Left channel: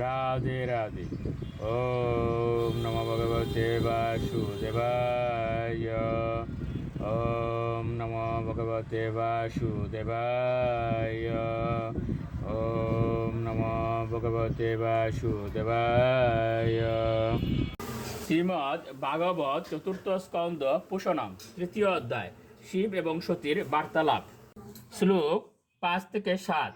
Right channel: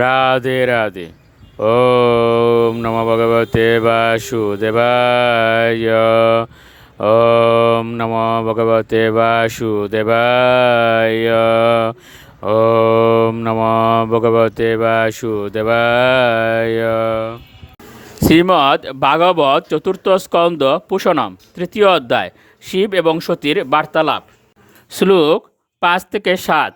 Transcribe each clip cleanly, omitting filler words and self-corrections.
রাধে রাধে। ওম নমো ভগবতে বাসুদেবায়। ওম নমো ভগবতে বাসুদেবায়। ওম নমো ভগবতে বাসুদেবায়। শ্রীমদ্ ভাগবত চতুর্থ স্কন্দ পুষণম তৃতীয় অধ্যায় শিব এবং সতীর বার্তালাপ। শ্লোক 5-7।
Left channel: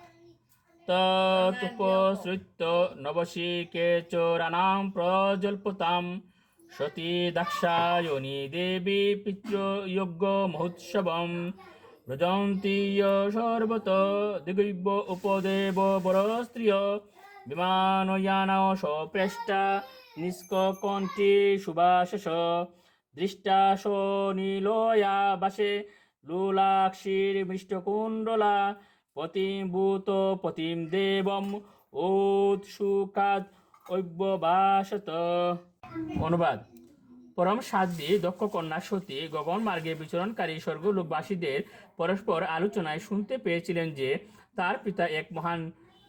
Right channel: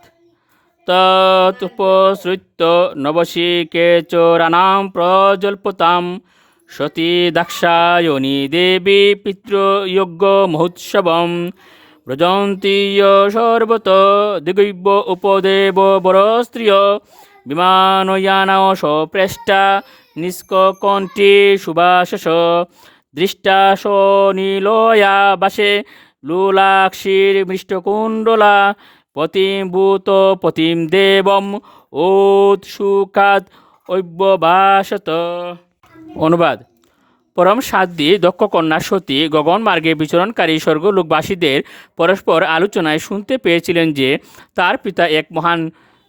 তৎপসৃত্য নবশিকেচরাণাং প্রজল্পতাম সতী দাক্ষায়ণী দেবী পিতৃযজ্ঞ মহোৎসবম ব্রজন্তি সর্বত দিগৈব উপদেব বরস্ত্রিয় বিমানয়ানও সপ্রেষ্টা নিষ্কণ্ঠী সুভাষস দৃষ্টা নীলয়া বাসে লুলাক্ষীর মৃষ্টকুণ্ডলা পতিভূত পতিম দেবম উৎসুকাত অব্যবাসত। অনুবাদ: পরম সাধ্বী দক্ষ কন্যা সতী গগন মার্গে বিচরণকারী স্বর্গলোকবাসীদের পরস্পর আলোচনায় শুনতে পেয়েছিলেন যে তার পিতা এক মহান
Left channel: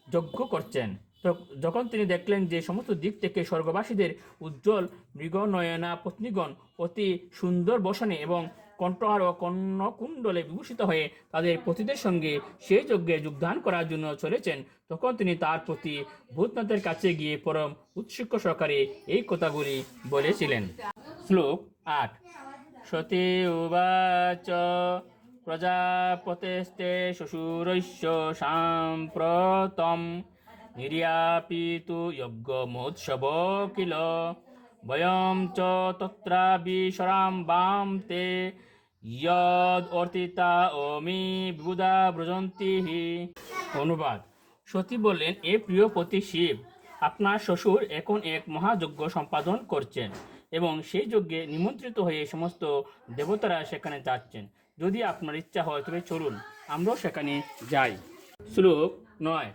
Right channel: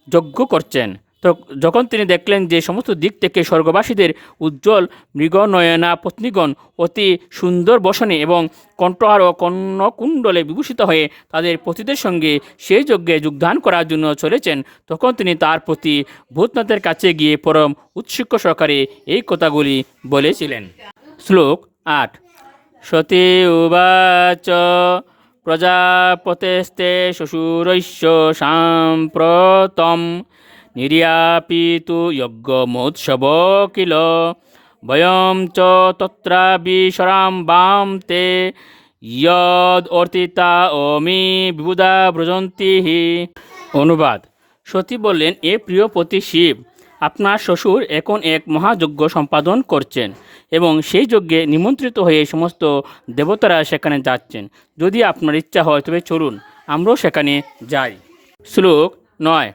যজ্ঞ করছেন। তো যখন তিনি দেখলেন যে সমস্ত দিক থেকে স্বর্গবাসীদের উজ্জ্বল মৃগনয়না পত্নীগণ অতি সুন্দর বসনে এবং কণ্ঠহার ও কর্ণকুণ্ডলে বিভূষিত হয়ে তাদের পতিদের সঙ্গে সেই যজ্ঞে যোগদান করার জন্য চলেছেন, তখন তিনি তার প্রতি ভূতনাথের কাছে গিয়ে পরম উৎসুক সহকারে এই কথাগুলি বলেছিলেন। শ্লোক 8। সতী উবাচ প্রজাপতেস্তে শ্বশুরৈশ্য সাম্প্রতম নির্যাপিতু যজ্ঞমোৎসব কিল বয়ম চ তত্রাবিশরাম বাম তে যদ অর্তিতা অমি বিবুধা ব্রজন্তি হি। অনুবাদ: সতী বললেন, এ প্রিয় পতি শিব, আপনার শ্বশুর এখন এক মহাযজ্ঞ সম্পাদন করছেন এবং সেই যজ্ঞে নিমন্ত্রিত হয়ে সমস্ত দেবতারা সেখানে যাচ্ছেন। যদি আপনার ইচ্ছা হয় তবে চলুন, আমরাও সেখানে যাই। শ্লোক 9।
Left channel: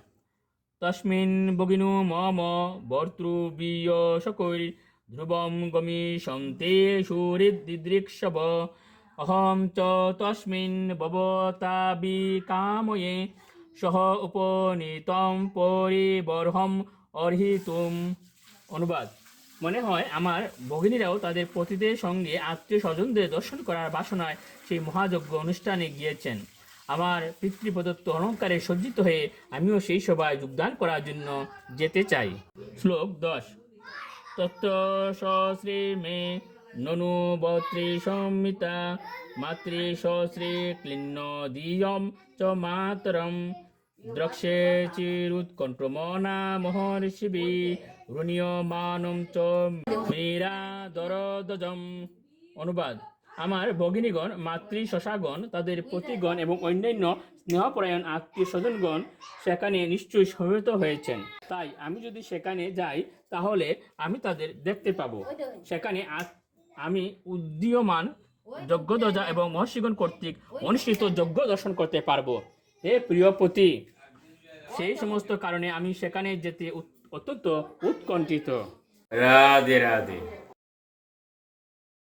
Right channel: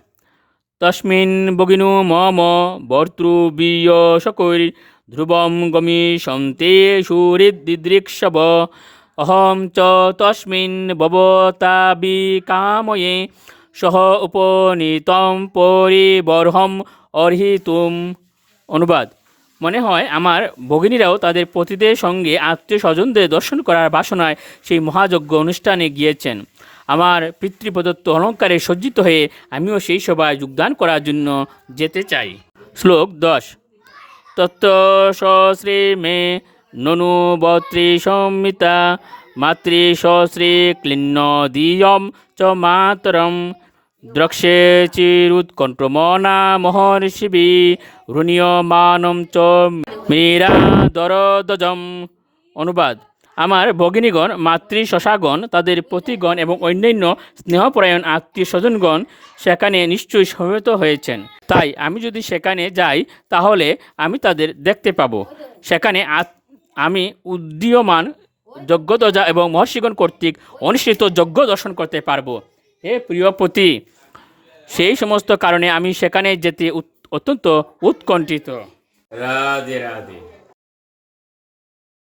তস্মিন ভগিনু মম ভর্তৃবিয়শকৈর ধ্রুবম গমিষ্যন্তে সুহৃদ্দিদৃক্ষব অহম চ তস্মিন ভবতাবিকাময়ে সহ উপনীতম পরিবর্হম অর্হিতুম। অনুবাদ: মনে হয় আমার ভগিনীরাও তাদের পতিদের সঙ্গে আত্মীয় স্বজনদের দর্শন করার বাসনায় সেই মহাযজ্ঞ অনুষ্ঠানে গিয়েছেন। আমার পিতৃপ্রদত্ত অলঙ্কারে সজ্জিত হয়ে আমিও সেই সভায় যোগদান করার জন্য যেতে চাই। শ্লোক 10। তত্ত্ব সশ্রী মে ননু বত্রী সংমিতা মাতৃ সশ্রী ক্লিন্ন দিয়ম চ মাতরম দ্রক্ষে চিরুৎকণ্ঠমনা মহর্ষিবি রুণীয়মানম চ মীরা দরদজম। অনুবাদ: আমার ভগিনীগণ, মাতৃ শশাগণ, তাদের পতিগণ এবং অন্যান্য স্নেহপরায়ণ আত্মীয় স্বজনগণ সেখানে নিশ্চয়ই সমবেত হয়েছেন। তাই আমি যদি সেখানে যাই তাহলে আমি তাদের দেখতে পাব। সেখানে আমি উদীয়মান যজ্ঞধ্বজা এবং মহর্ষিগণ কর্তৃক অনুষ্ঠিত যজ্ঞ দর্শন করতে পারব। হে প্রিয়পতি, সেই সমস্ত কারণে আমি সেখানে যেতে অত্যন্ত উৎকণ্ঠিত। রাধে রাধে।